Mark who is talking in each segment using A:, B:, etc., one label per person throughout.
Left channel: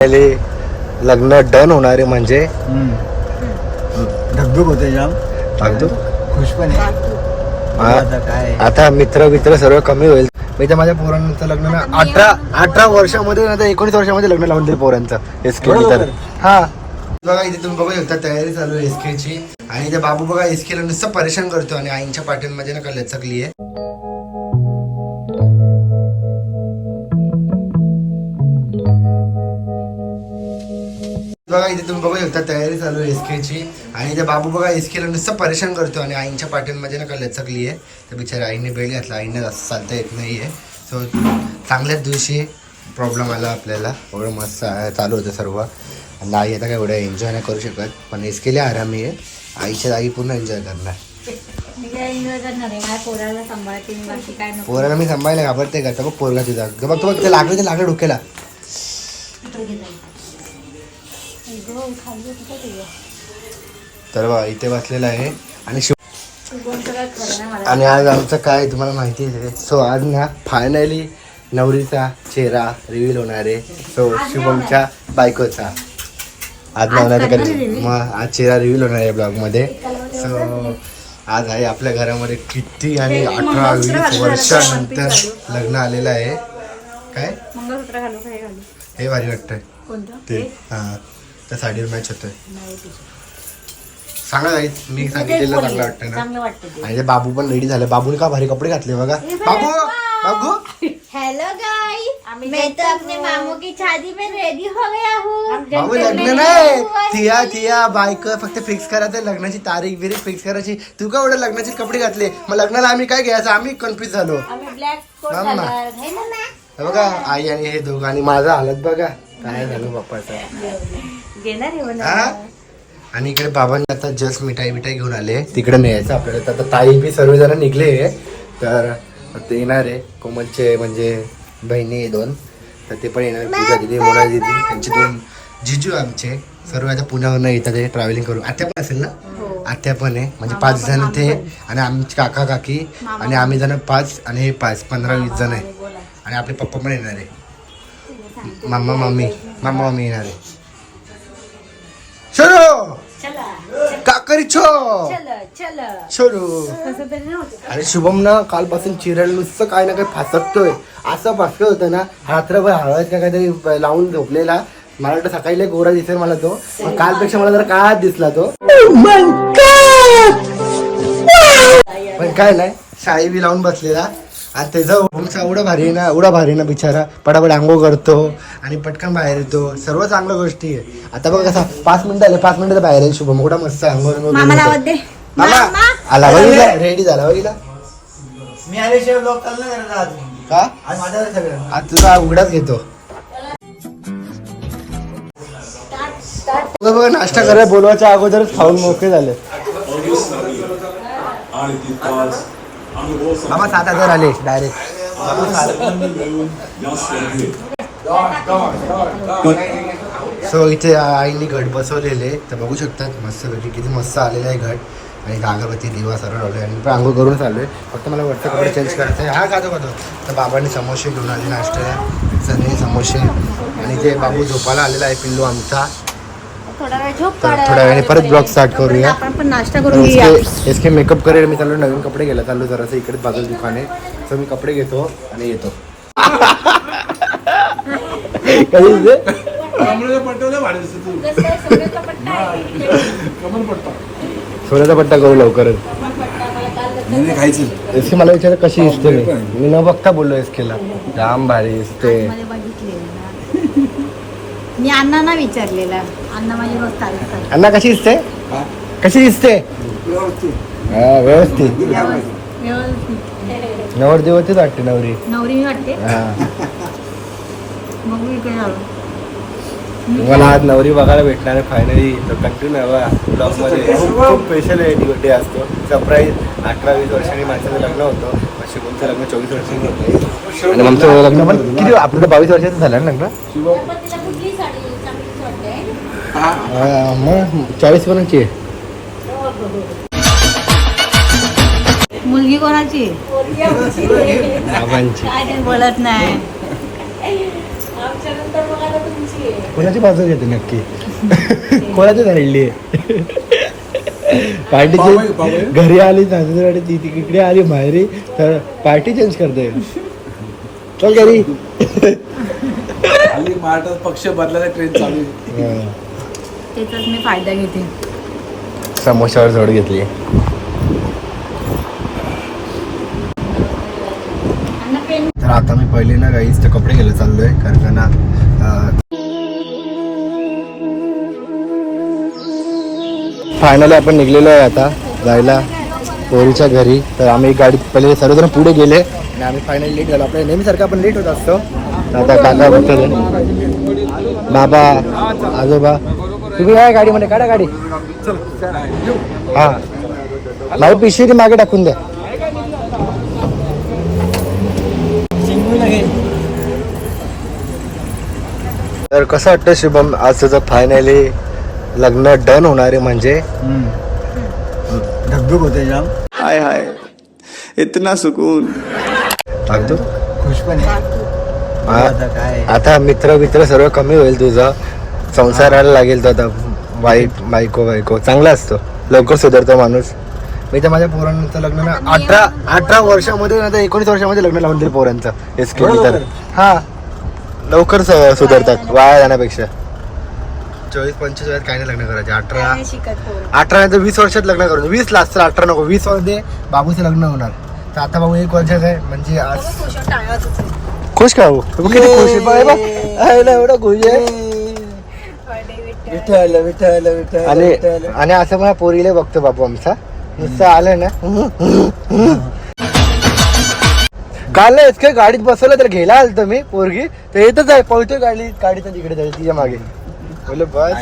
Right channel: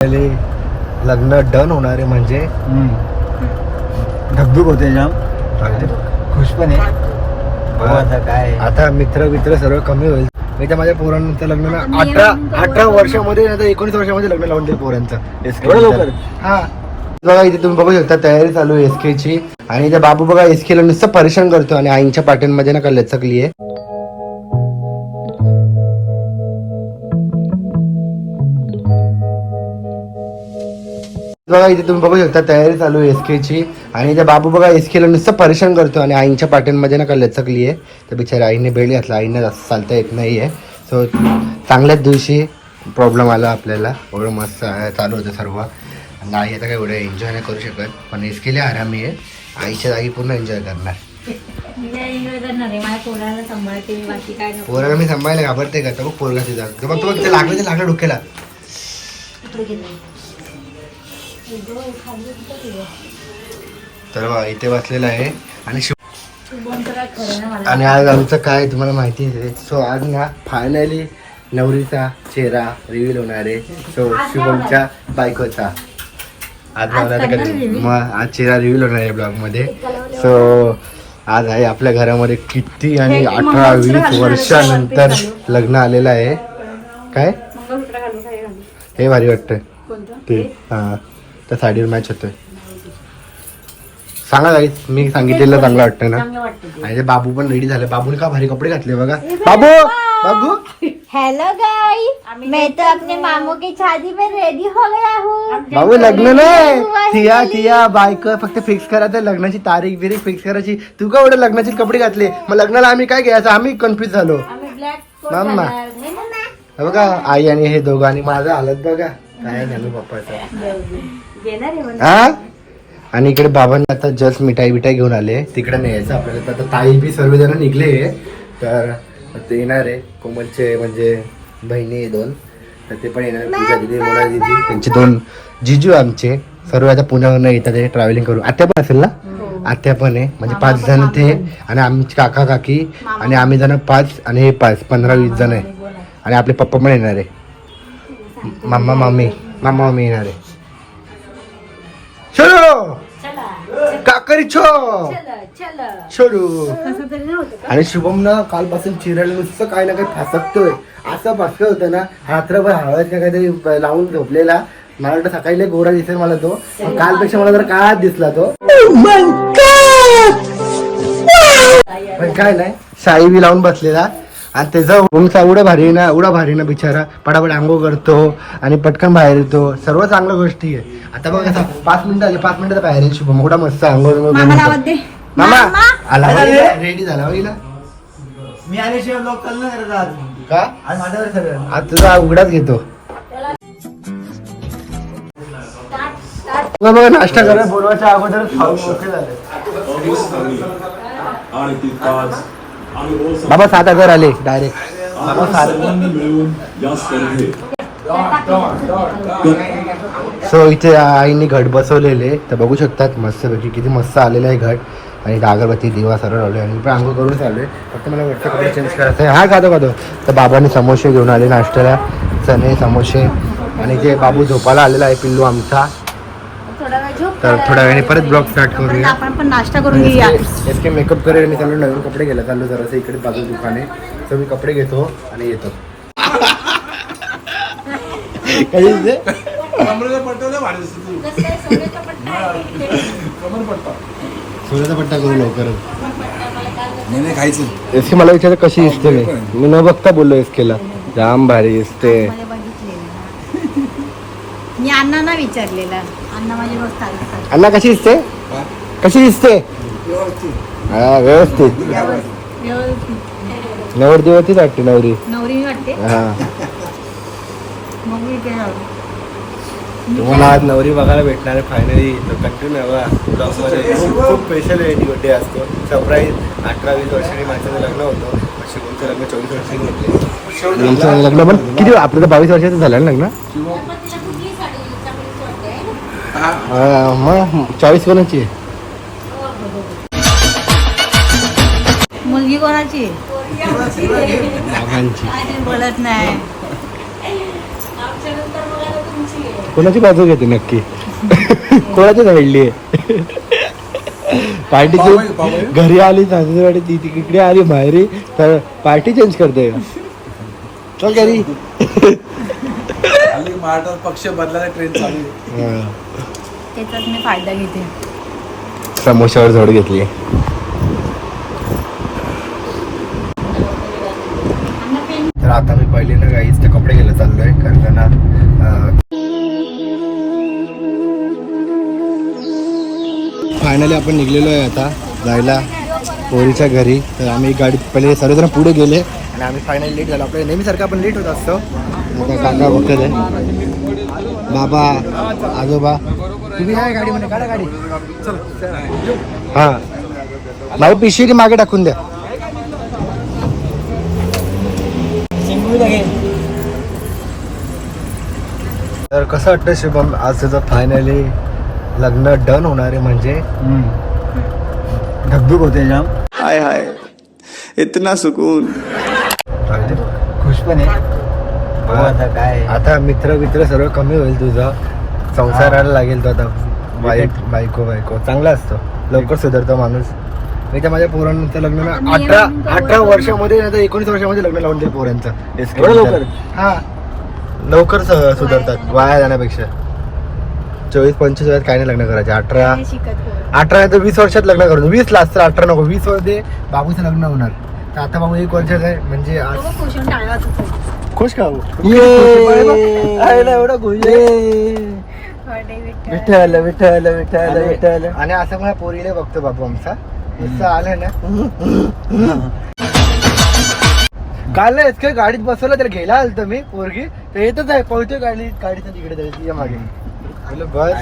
A: पहिले लग्न डन होणारे म्हणजे
B: धगधग होते जाम. खुश पण आहे
A: हा.
B: आता
A: मित्र मित्र सर्व कमी होईल. मी तर माझ्या पोरांचं लग्न अठरा अठरा वर्षामध्ये ना एकोणीस वर्षामध्ये लग्न लावून देईल पोरांचं एस के
B: एवढं लवकर?
A: हा. बघा इथे तुम्ही बघू शकता तयारी चालू आहे एस ची. आणि इथे बाबू बघा एस ला नुसतं परेशान करतो आणि आईच्या पाट्यांमध्ये ना का लचकली आहे बघा इथे तुम्ही बघू शकता तयारी चालू आहे एस आणि त्या बाबू बघा एस नुसतं परेशान करतो. आणि आईच्या पाट्यांमध्ये ना का लचकली आहे. तर बिचारी आईने बेल घातला. आईने जास्त चालता येत नाही आहे सो चांगल्याच दिवशी प्रॉब्लेम आला आपल्याला. एवढं मस्त चालू होतं सर्व. आणि आई आता काय एवढं एन्जॉय नाही करू शकत. पण एसकेला आरामी आहे. आईच्या आई पूर्ण एन्जॉय करणार.
C: पोराला मी बाकी
A: सांभाळायला घाबरते का? बघ पोरला तिथं बघ तुम्हाला बघ लागलं ते लागलं डोक्याला. तर बघा इथे बसलेला आहे. आणि आणि आज आमचं काय तुम्हाला माहिती आहे? सो आज ना फायनली नवरीचा चेहरा रिव्हील होणार आहे. सो शुभमच्या बायकोचा. आज मग आज चेहरा रिव्हील होणार आहे ब्लॉगमध्ये सो आज आहे आपल्या घरामध्ये किती आणि अठरा वीस वर्षानंतर लग्न आलेलं आहे. काय? हे भारी
C: कोणतं?
A: ते हा. त्या साडीवर मॅच होतोय. सांगा काही मी सांगितलेलं चांगलं वाटतं ना. आणि ते बाबू पण रेडी झाले. बाबूने का भारी कपडे घातले बघा? बाबू! बाबू!
D: हेलो गाइस मैं तो अपने मामू की शादी में रेडी हो गया हूँ.
A: बाबू लग्न नाही. थिया थिया बायक फक्त फिक्स करायचं लग्नाची तारीख बिरीख फिक्स करायची. तू का एवढं लग्नाचे कपडे घातले? मग लग्नाला आम्ही काय घ्यायचं? आम्ही कन्फ्युज झालो.
C: आम्ही ब्लॅक
A: मामा हे बघा आई आणि हे दोघं आणि माझा हालत बघा. काय झालं बाप्पाचा? हा? आणि इकडे बाबांनी आता जस्ट मिठाई बिठाई घेऊन आले. तिकडे न्यायचं आपल्याला. तर आता ताई बी सर्वजण निघले. तर ते येणार आहे. कोमलचे म्हणजे बहिणी आहे दोन. तर ते पण येणार. पूजा दिदी मोना दिदी त्यांचे दोन जिजू आमचे. सर्व आता पुण्यावरनं येतात ते ट्रॅव्हलिंग करून. आत्या पण असेल ना? आत्या पण आहे. म्हणजे पाच जण ते आणि आमचे काका काकी आणि आम्ही जण पाच आणि हे पाच. पंधरा वीस जण आहे. आणि आपले पप्पा पण येणार आहे. मामा मामी. मामा मामी येणार आहे. छोरो काकरी छो। छोरू आणि शुभम ना कालपासून चिरायला नुसतं काय ना काय फासकतोय. असं फासकत होतं ना रात्रभर हळद का काहीतरी लावून झोपलेला. मला वाटतं सकाळी गोरा दिसेल मला तो. पण कालपेक्षा मला जरा काळात दिसला तो. पण काय नाही साडी बी लावून बसलेला. आणि त्याचा उंचा एवढा भारी ना एवढा भारी ना बिचारा पटापट आंघोळ करतो आणि पटकन बाहेर येतो. सर्व चांगल्या गोष्टी आहे. आता बघ कसं पाच मिनिटं आले पाच मिनिटं बाहेर येईल शुभम. एवढा मस्त आंघोळ मामा आला रेडी झाला बघितला
B: मी आल्याशिवाय ब्लॉग चालू आज.
A: का?
B: आज
A: तुझा उघडाच घेतो. बघा बघा नाश्ता करायला बोलवायच्या अगोदरच खाऊन मोकळे झाले. बाबा सात हजार आले डायरेक्ट बाबा सो इथे आईने घट बसवलेले तर बघू शकतात मस्त पैकी किती मस्त आलेलं आहे घट. आणि अगरबत्ती दिवा सरळ लावले आणि पण आंघोळ करून चाललोय. फक्त मला वरचे कपडे चेंज करायचे आहे. हा खातो खातो तर बाबाने समोसे घेऊन आले नाश्त्याला. चणे समोसे. आणि जे बाबू झोपायला आलेला आहे पिल्लू आमचा.
C: थोडा वेळ झोप
A: तर थोड्या वेळाने परत ब्लॉग स्टार्ट करूया.
C: आपण पण नाश्ता करून घेऊया.
A: इसके मेकअप करेल मी चाललो नवीन कपडे घ्यायला चाललो जरासं इकडे बाजू दुकान. आहे तर मी कपडे घेतो आणि येतो. कधी? सोन्याचा पट्टा करू लवकरच. एसके मला विचार कशी दिसते मी? न बघता बोललो एसकेला जाम भारी दिसते
C: मध्ये बघितलेलं ना. मी अण्णांना विचारलेला. अण्णा माझी रोज तारीख सांगतात.
A: अण्णा कशी दिसते? कशी दिसते? हा व्यवस्थित.
C: व्यवस्थित.
A: नवरदेवतीच वाटते नवरी.
C: नवरी मी वाटते?
A: हा.
C: मग मी इकडे आलो
A: तुम्हाला आज नवरी बघायला भेटणार आहे फायनली कंटिन्यू आहे ब्लॉगमध्ये. खूप खूप स्पेशल आहे बर्थडे असतो. सरप्राईज अठरा वीस वर्षांनी माझं लग्न होतं. शिवमचं लग्न? चोवीस वर्षांनी होतं. आमचं लग्न. पण किती बावीस वर्षाचं झालं ना लग्न? मग चोवीस वर्षाची आहे
C: मुलगी कोणाची?
A: बाबांची
C: बोलत नाही.
A: कोणाची बाजू घेते नक्की? कोणाची राहिली पार्टी घरी आली सासूरवाडी ती तिकडे आली माहेरी तर पार्टी चेंज करते चल घरी.
E: पक्ष बदलायला ट्रेन चालू
C: त्याचाच मी फायदा घेते.
A: समोश्यावर झोड घेतली. तर आता मी पहिले ना गाईच तर कपडे घ्यायला चाललोय कारण का ना फायनली आपण निघलेलो आहे आता जायला पोरीच्या घरी. तर आम्ही गाडीत पहिले सर्वजण पुढे गेले आणि आम्ही फायनली लेट झालो. आपल्या नेहमीसारखं आपण लेट होत असतो. आता काका बघतो बाबा आजोबा. तुम्ही काय गाडीमध्ये काढा गाडी. हा. नाही पिशवी मागे टाकून द्या. तर कसं वाटतं शुभम आज तुझं फायनली लग्न डन होणार आहे म्हणजे?
B: धबधूक होते जाम.
F: हाय हाय. इतना सुकून.
B: खुश पण आहे. आता काय?
A: आता मित्र मित्र सर्व कमी होईल तुझं. संसाराला लागेल तो आता वाईफ बायको बायको. चांगला असतो. लवकर सुधारतो माणूस. मी तर माझ्या पोरांचं लग्न ना अठरा अठरा वर्षामध्ये ना तर एकोणीस वर्षामध्ये लग्न लावून दिलं पोरांचं. हे तर.
B: लवकर?
A: हा. लवकर स- सुधारतात. वाया जाण्यापेक्षा. चोवीस पंचवीस वयात काय नाही लग्न करायचे. अठरा
C: शिकत
A: अठरा नाही तर वीस वर्षात लग्न करून. वीस लास्ट तर अठरा नको. वीसमध्ये बाबूचं लग्न होणार. तर आता बाबू एक वर्षाचा आहे. म्हणजे आज खुश का भाऊ? तुम्ही किती खुश आहे? बघा, बघा. एवढा खुश आहे.
B: विठ्ठल विठ्ठल विठ्ठल
A: आणि
B: विठ्ठल.
A: आणि असं मला पोरीला बघतो बापू आमचा. नुसतं आलं ना. काल ना इतकं गाडीत बसवलं तर घ्यायला आलतो मी पोरगी. तर येतच आहे पळतोय गाडी गाडीचं तिकडे जाईल तिच्यामागे. बोललो बस.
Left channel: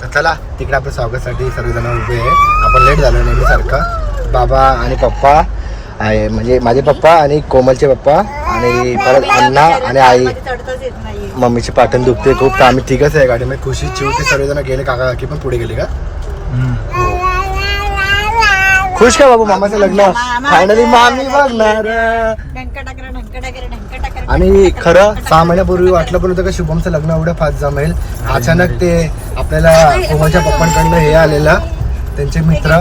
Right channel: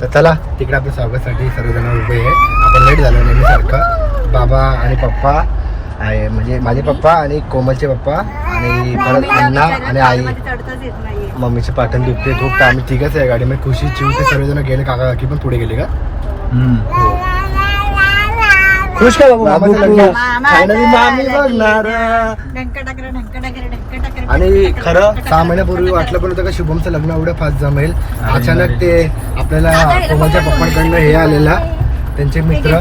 A: तर चला तिकडे आपल्या स्वागतासाठी सर्वजण उभे आहे. आपण लेट झालो नेहमी सारखं बाबा आणि पप्पा आहे म्हणजे माझे पप्पा आणि कोमलचे पप्पा आणि परत अण्णा आणि आई. मम्मीची पाठण दुखते खूप तर आम्ही तिघच आहे गाडीमध्ये. खुशी चिव ते सर्वजण गेले. काका काकी पण पुढे गेले का? खुश का बाबू मामाचं लग्न.
C: मामा
A: फायनली मामी बघणार. आणि खरं सहा महिन्यापूर्वी वाटलं पण होतं का शुभमचं लग्न एवढं फास्ट जमेल. अचानक ते आपल्याला कोमलच्या पप्पांकडनं हे आलेला. त्यांचे मित्र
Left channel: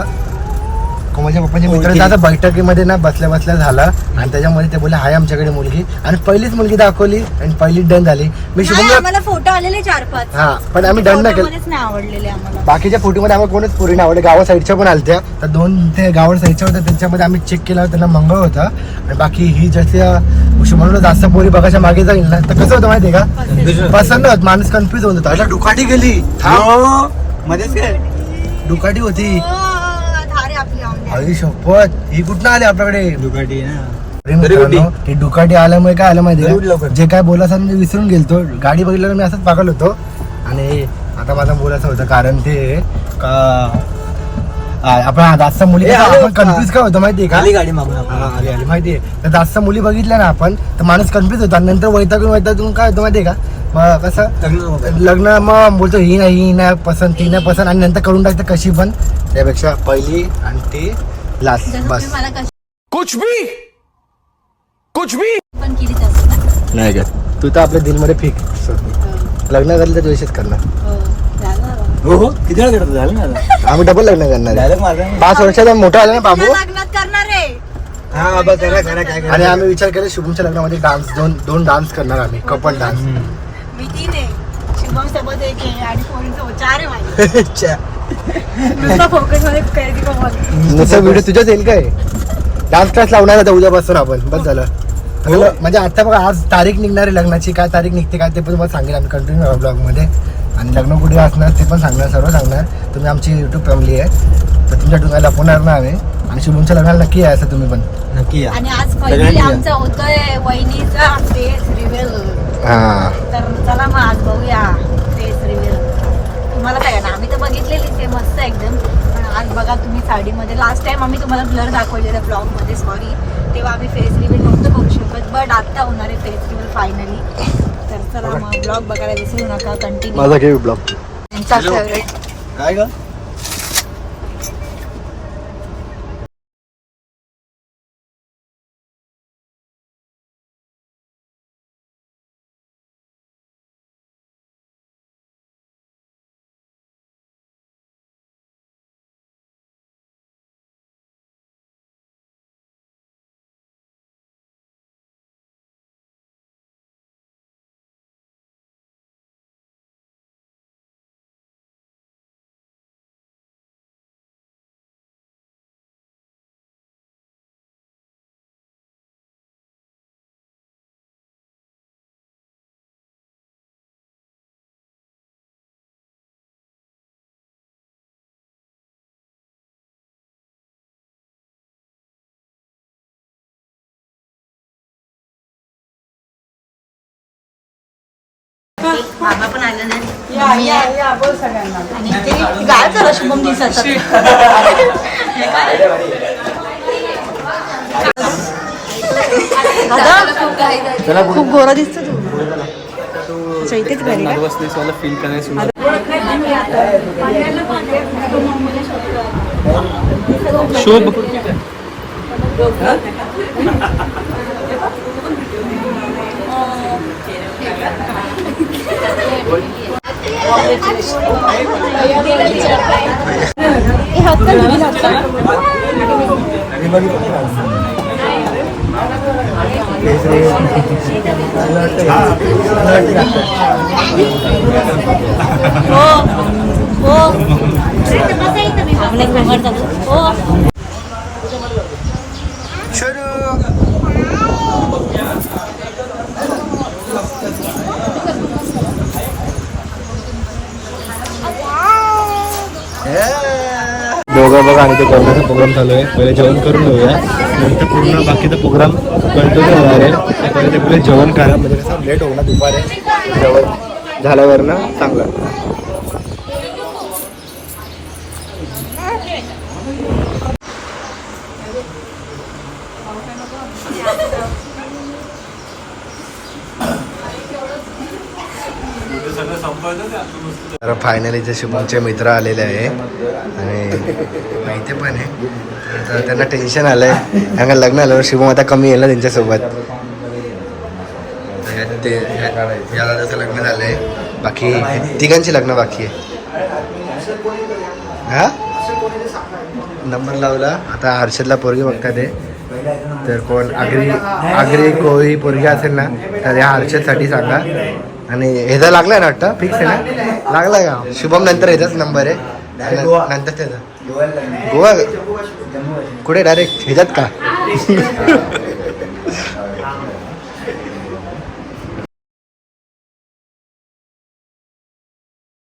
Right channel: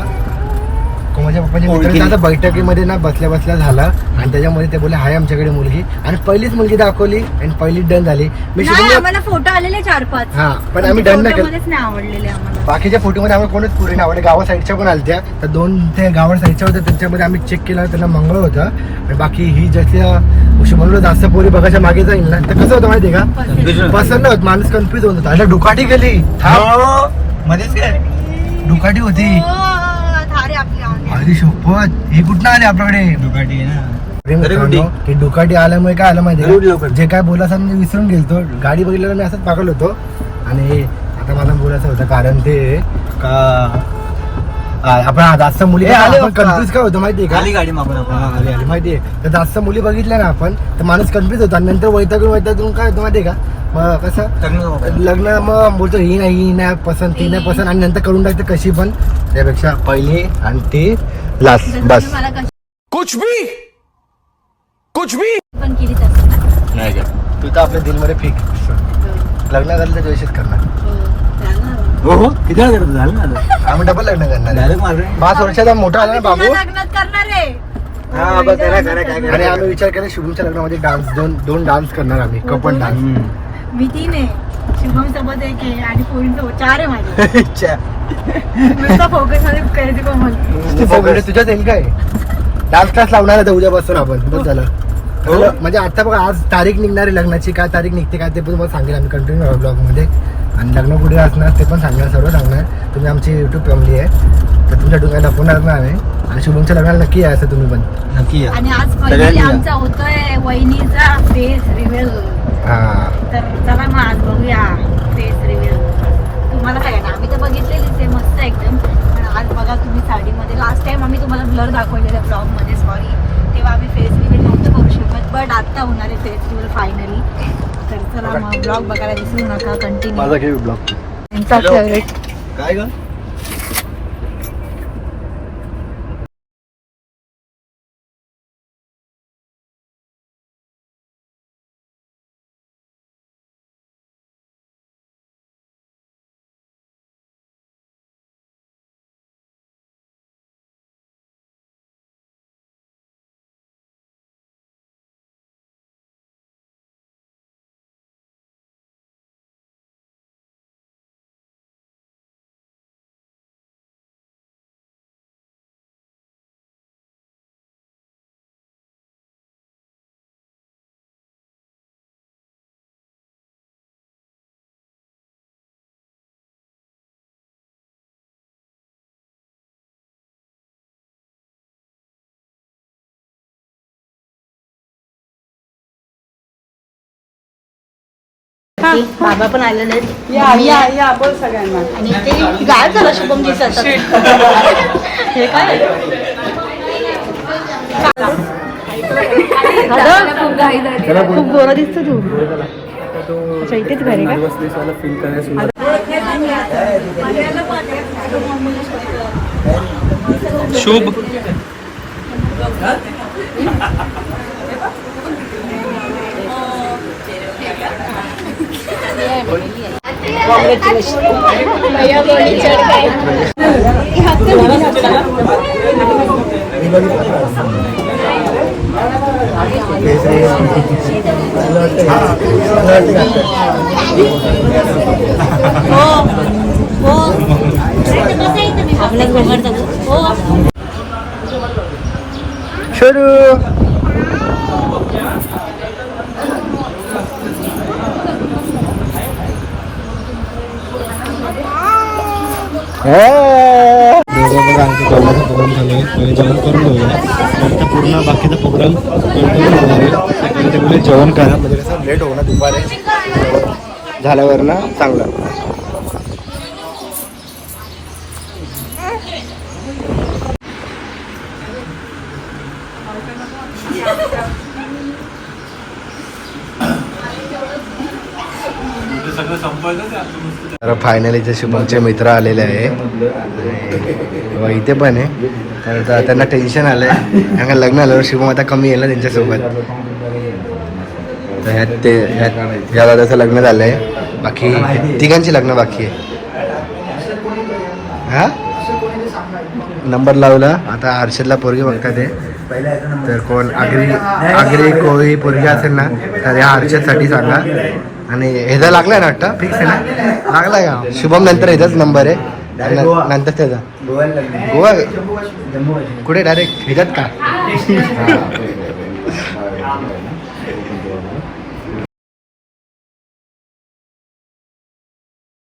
A: कोमलच्या पप्पांचे मित्र आता बैठकीमध्ये ना बसल्या बसल्या झालं. आणि त्याच्यामध्ये ते बोलले हाय आमच्याकडे मुलगी. आणि पहिलीच मुलगी दाखवली आणि पहिलीच डन झाली. मी
C: नाही,
A: शुभमला
C: आम्हाला फोटो आलेले चार पाच.
A: हा पण आम्ही डन नाही केलं.
C: फोटोमध्येच नाही आवडलेले आम्हाला.
A: बाकीच्या फोटोमध्ये आम्ही कोणच पुरी नाही आवडले. गावा साईडच्या पण आलत्या. तर दोन ते गावा साईडच्या होत्या. त्यांच्यामध्ये आम्ही चेक केला त्यांना मंगळ होतं. आणि बाकी ही जशी म्हणून जास्त पोरी बघायच्या मागे जाईल ना तर कसं होतं माहिती का? पसंत होत माणूस कन्फ्युज होत होता अशा डुकाटी गेली. थांब.
B: मध्येच काय?
A: डुकाटी होती.
C: हो,
A: शपथ ही कुठं आली आपल्याकडे?
B: दुकाटी
A: मित्रांनो, ते डुकाटी आल्यामुळे काय आलं माहिती. जे काय बोलायचं मी विसरून गेलतो. गाडी बघितल्यावर मी असंच पागल होतो. आणि आता मला बोलायचं होतं कारण ते का आपण जास्त मुली आपण. कन्फ्युज काय होतं माहितीये का?
B: आली गाडी मागून
A: आली आली माहितीये तर जास्त मुली बघितल्या ना आपण तर माणूस कन्फ्युज होतो. आणि नंतर वैतागून वैतागून काय होतं माहितीये का? मग कसं? लग्न मग बोलतो ही नाही ही नाही पसंत ती नाही पसंत. आणि नंतर करून टाकतं कशी पण. त्यापेक्षा पहिली आणि ती लास्ट बस.
F: कुछ भी! कुछ भी!
C: पण केली तसं ना.
A: नाही तू तर आपल्या दिनमध्ये फिक्स लग्न झालं तर वेळेस करणार.
C: हो, झालं ना.
B: हो हो किती वेळ करत झालं ना.
A: आम्ही डबल लग्न करणार.
B: डायरेक्ट मारला
A: पाच वर्षाचा मोठा आला ना बाबू.
C: लग्नात करणार आहे.
B: हा.
A: आणि आम्ही विचार केला शुभमच्या लग्नामध्ये डान्स दोन दोन डान्स करणार आम्ही कपल डान्स
C: मी तीन आहे शुभम सोबत एक आहे आणि पोरींसोबत चार आहे माझे. नुसतं फोकसमध्ये करायची कमल.
A: व्हिडिओ तुझ्याच येईल काय? डान्स क्लास लावणार आता उद्यापासून आपण. बस झालं. म्हणलं, म्हणजे आता बघा आज तारीख निघणार आहे लग्नाची. काय तारीख निघते काय ते पण तुम्हाला सांगेल आम्ही कंटिन्यू ब्लॉगमध्ये आणि लग्न कुठे असणार ते पण सांगणार सर्व सांगणार. तुम्ही आमची युट्यूब फॅमिली आहे. तर तुमच्या डोंगाला लपवणार ना आम्ही. आणि शुभमच्या लग्नाला नक्की आहे असं तुम्ही पण.
B: नक्की या.
C: आणि आज
B: सगळ्यांनी
C: पहिली
B: या.
C: आमचा होतोय वहिनीचा फेस रिव्हील
A: हा.
C: तर चला मग आज बघूया फेस रिव्हील तुम्हाला काय ना आम्ही तर बघितलेली ते मस्त एकदम. पण आज बघा तुम्ही साडीमध्ये. लास्ट टाइम आम्ही तुम्हाला ब्लर दाखवलेलं ब्लॉगमध्ये सॉरी तेव्हा आम्ही फेस रिव्हील नव्हतं बघू शकत बट आता होणार आहे फेस रिव्हील फायनली तर चला मग ब्लॉग बघायला विसरू नका कंटिन्यू
A: ब्लॉग
C: त्यांचा फेवरेट
A: काय ग?
C: बाबा पण आलेले आहेत. मम्मी आहे. आणि ते गाय झालं शुभम दिसत हे काय दादा खूप गोरा दिसतो तू. अच्छा इथेच घरी का?
E: फील करायचं
A: शुभ
C: हो हो आपल्या घोंगड चालू हो
A: सुरू दोघं बघा आणि जेवणाचा प्रोग्राम चालू आहे. पहिले जेवण करून घेऊया. नंतर पूर्ण बाकीचा प्रोग्राम कंटिन्यू होणार आहे. ते पहिले ते बोले जेवण करा. म्हणजे कसं लेट होणार दुपारे. झाल्यावर ना चांगलं. तर फायनली जे शुभमचे मित्र आलेले आहे. आणि बघा इथे पण आहे. तर त्यांना टेन्शन आलंय. त्यांना लग्न आल्यावर शुभम आता कमी येईल ना त्यांच्यासोबत. तर ते ज्यादा त्याचं लग्न झालंय. बाकी तिघांची लग्न बाकी आहे. हा? नंबर लावला. आता हर्षदला पोरगी बघतात आहे तर कोण? आगरी आगरी कोळी पोरगी असेल ना तर या हर्षदसाठी सांगा. आणि ह्याचा लागलाय ना वाटतं? फिक्स आहे ना? लागलाय का? शुभम नंतर ह्याचाच नंबर आहे. नंतर त्याचा गोवा. कुठे? डायरेक्ट ह्याच्यात का?